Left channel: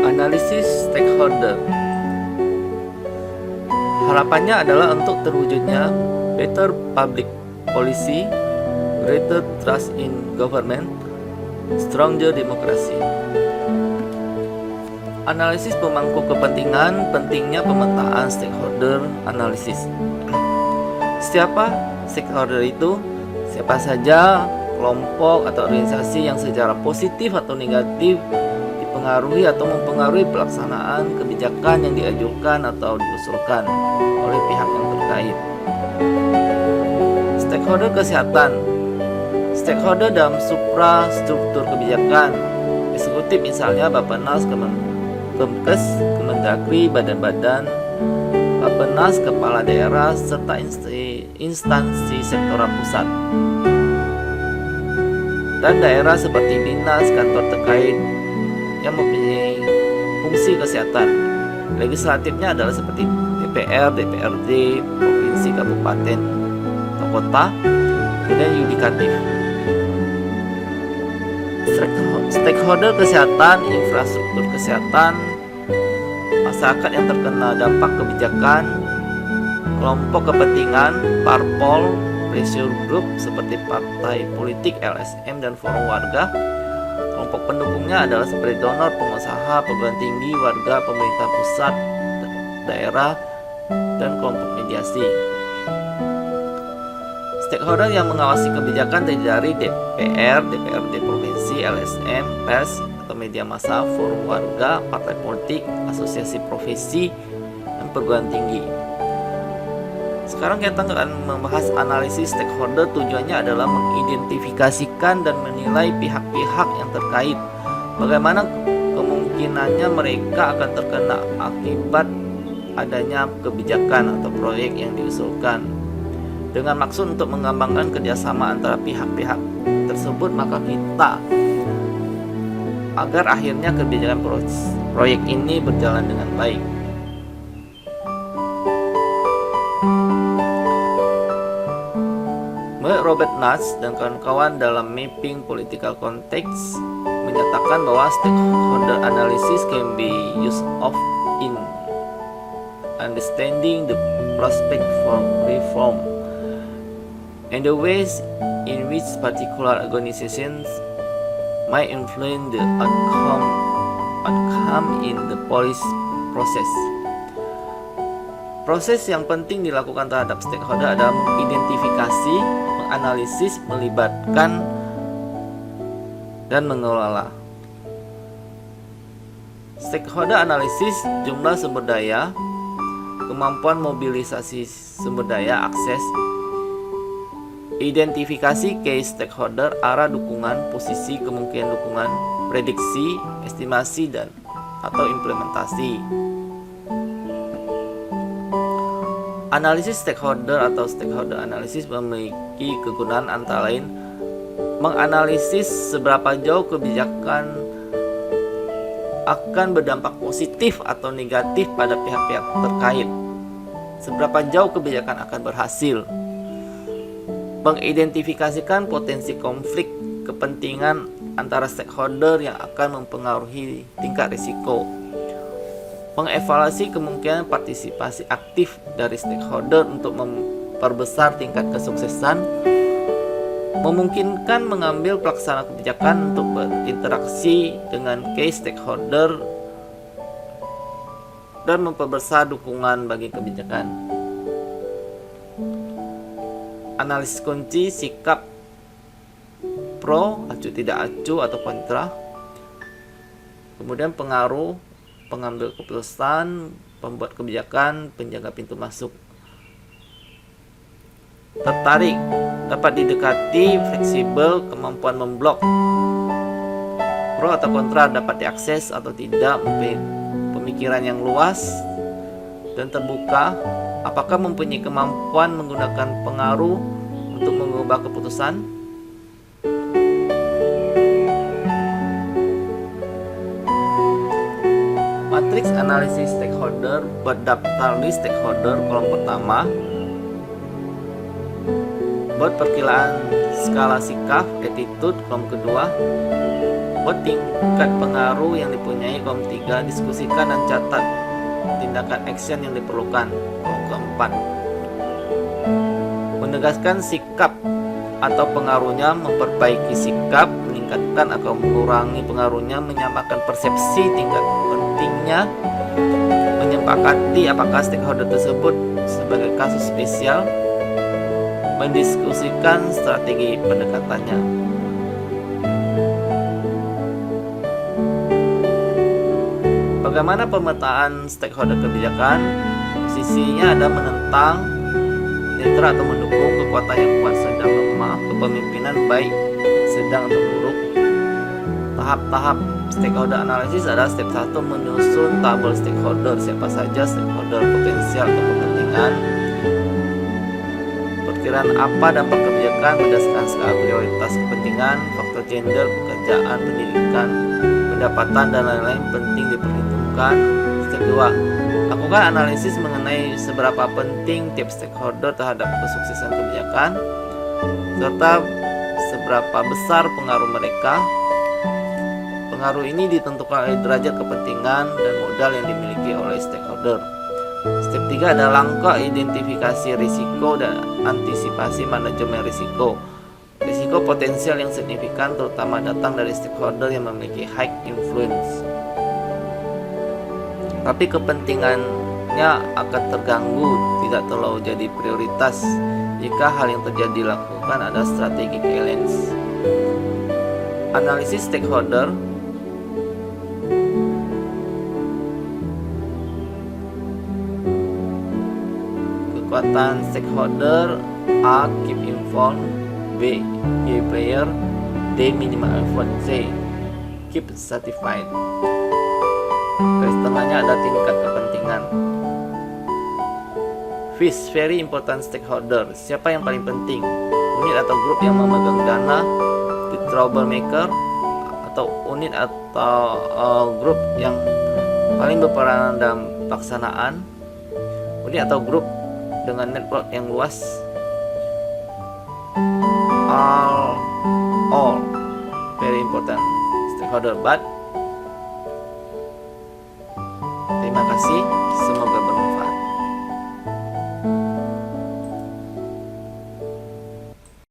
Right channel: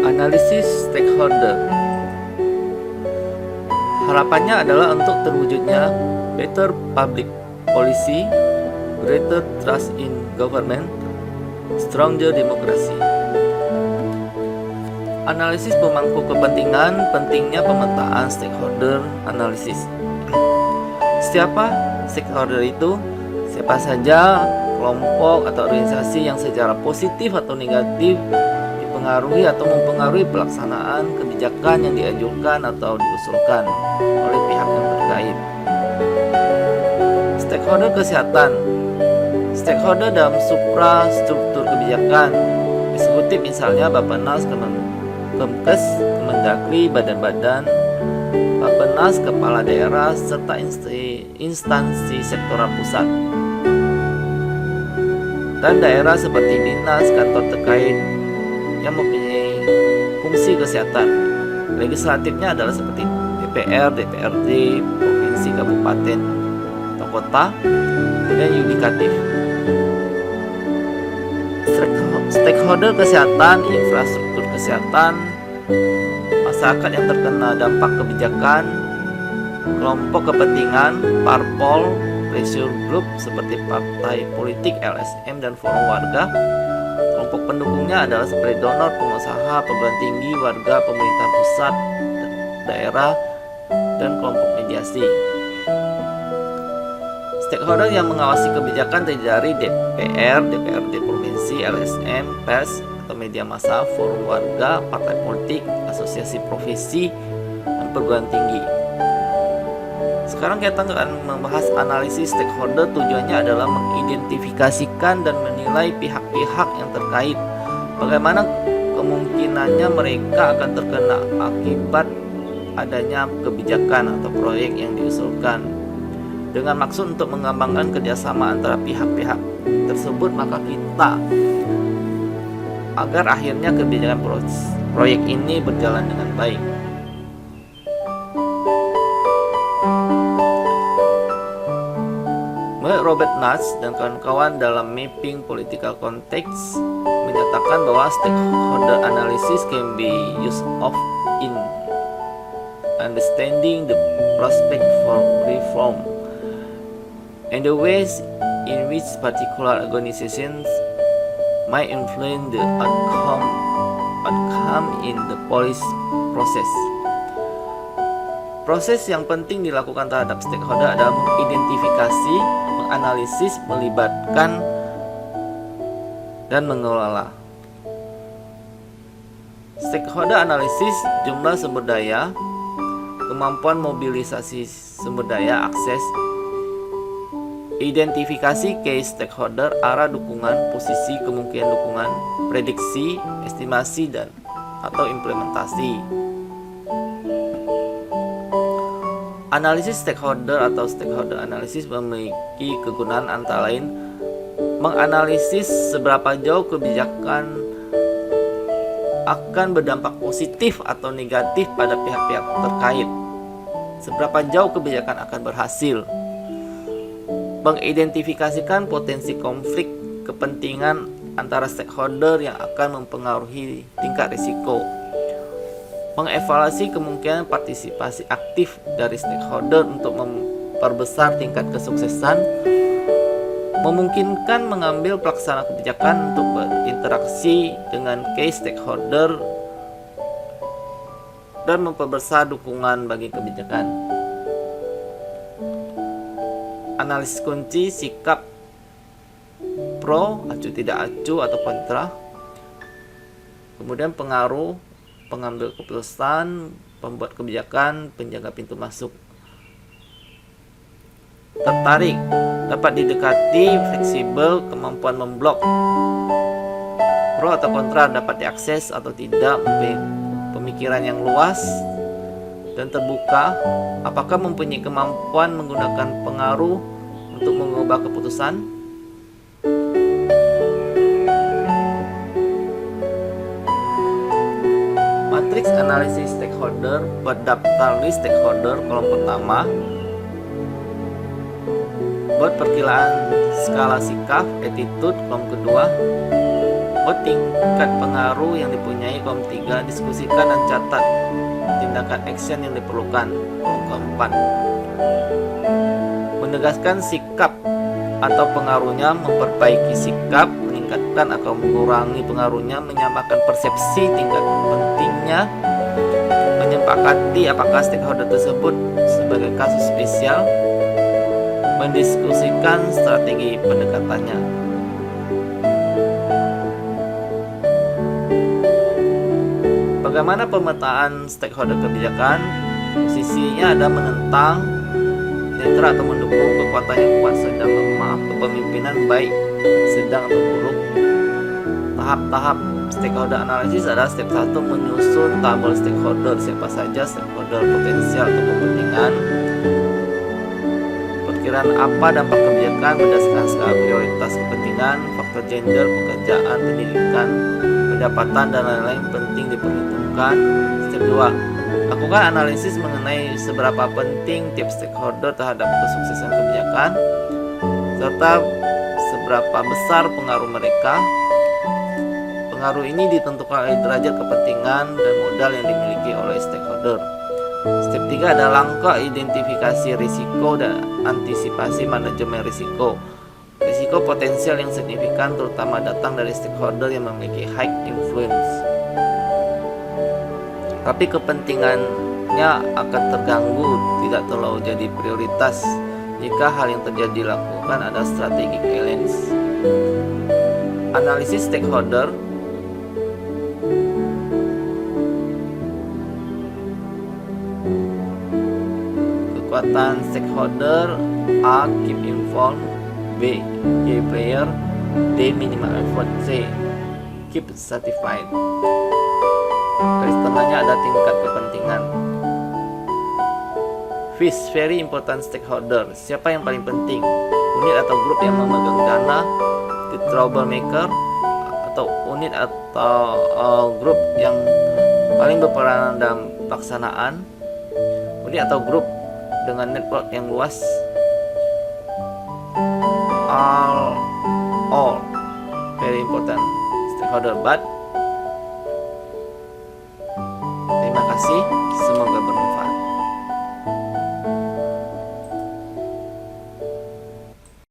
Analisis stakeholder. Harapannya adalah untuk terwujudnya better public policy, greater trust in government, stronger democracy. Analisis pemangku kepentingan, pentingnya pemetaan stakeholder analisis. Siapa stakeholder itu? Siapa saja kelompok atau organisasi yang secara positif atau negatif dipengaruhi atau mempengaruhi pelaksanaan kebijakan yang diajukan atau diusulkan oleh pihak yang terkait. Stakeholder kesehatan. Stakeholder dalam suprastruktur kebijakan eksekutif, misalnya Bappenas, Kemkes, Kemendagri, badan-badan Bappenas, kepala daerah, serta instansi sektoral pusat dan daerah seperti dinas, kantor terkait yang mempunyai fungsi kesehatan. Legislatifnya adalah seperti DPR, DPRD, provinsi, kabupaten, atau kota. Kemudian yudikatif. Stakeholder kesehatan, infrastruktur kesehatan, masyarakat yang terkena dampak kebijakan, kelompok kepentingan, parpol, pressure group seperti partai politik, LSM, dan forum warga. Kelompok pendukungnya adalah seperti donor, pengusaha, perguruan tinggi, warga, pemerintah pusat, daerah, dan kelompok mediasi. Stakeholder yang mengawasi kebijakan terdiri dari DPR, DPRD provinsi, LSM, pers atau media massa, forum warga, partai politik, asosiasi profesi, dan perguruan tinggi. Sekarang kita akan membahas analisis stakeholder. Tujuannya adalah mengidentifikasikan dan menilai pihak-pihak yang terkait. Bagaimana kemungkinannya mereka akan terkena akibat adanya kebijakan atau proyek yang diusulkan. Dengan maksud untuk mengembangkan kerjasama antara pihak-pihak tersebut, maka kita agar akhirnya kebijakan proyek ini berjalan dengan baik. Robert Nuss dan kawan-kawan dalam Mapping Political Context menyatakan bahwa stakeholder analysis can be used of in understanding the prospect for reform and the ways in which particular organizations might influence the outcome in the policy process. Proses yang penting dilakukan terhadap stakeholder adalah mengidentifikasi, menganalisis, melibatkan, dan mengelola. Stakeholder analisis jumlah sumber daya, kemampuan mobilisasi sumber daya, akses, identifikasi key stakeholder, arah dukungan, posisi, kemungkinan dukungan, prediksi, estimasi, dan atau implementasi. Analisis stakeholder atau stakeholder analysis memiliki kegunaan antara lain menganalisis seberapa jauh kebijakan akan berdampak positif atau negatif pada pihak-pihak terkait, seberapa jauh kebijakan akan berhasil, mengidentifikasikan potensi konflik kepentingan antara stakeholder yang akan mempengaruhi tingkat risiko, mengevaluasi kemungkinan partisipasi aktif dari stakeholder untuk memperbesar tingkat kesuksesan, memungkinkan mengambil pelaksana kebijakan untuk berinteraksi dengan key stakeholder, dan memperbesar dukungan bagi kebijakan. Analisis kunci sikap pro, acuh tidak acuh atau kontra. Kemudian pengaruh pengambil keputusan, pembuat kebijakan, penjaga pintu masuk. Tertarik, dapat didekati, fleksibel, kemampuan memblok. Pro atau kontra, dapat diakses atau tidak, pemikiran yang luas dan terbuka. Apakah mempunyai kemampuan menggunakan pengaruh untuk mengubah keputusan? Matriks analisis stakeholder, berdaftar list stakeholder. Kolom pertama, buat perkiraan skala sikap, attitude. Kolom kedua, Buat tingkat pengaruh yang dipunyai. Kolom 3, diskusikan dan catat tindakan action yang diperlukan. Kolom keempat, menegaskan sikap atau pengaruhnya, memperbaiki sikap, meningkatkan atau mengurangi pengaruhnya, menyamakan persepsi tingkat pentingnya, menyepakati apakah stakeholder tersebut sebagai kasus spesial, mendiskusikan strategi pendekatannya. Bagaimana pemetaan stakeholder kebijakan? Posisinya ada menentang, netral atau mendukung, kekuatannya kuat, sedang, lemah, kepemimpinan baik, sedang atau buruk. Tahap-tahap stakeholder analisis adalah step 1, menyusun tabel stakeholder. Siapa saja stakeholder potensial atau kepentingan. Perkiraan apa dampak kebijakan berdasarkan skala prioritas kepentingan, faktor gender, pekerjaan, pendidikan, pendapatan, dan lain-lain penting diperhitungkan. Step 2, lakukan analisis mengenai seberapa penting tiap stakeholder terhadap kesuksesan kebijakan, serta seberapa besar pengaruh mereka. Pengaruh ini ditentukan oleh derajat kepentingan dan modal yang dimiliki oleh stakeholder. Step 3 adalah langkah identifikasi risiko dan antisipasi manajemen risiko. Risiko potensial yang signifikan terutama datang dari stakeholder yang memiliki high influence, tapi kepentingannya akan terganggu, tidak terlalu jadi prioritas. Jika hal yang terjadi lakukan ada strategic alliance. Analisis stakeholder. Kekuatan stakeholder: A. Keep informed. B. Key player. D. Minimal effort. C. Keep satisfied. Garis tengahnya ada tingkat kepentingan. Fish, very important stakeholder. Siapa yang paling penting? Unit atau grup yang memegang dana, the troublemaker, atau unit atau grup yang paling berperan dalam pelaksanaan, unit atau grup dengan network yang luas. All very important stakeholder, but terima kasih, semoga bermanfaat.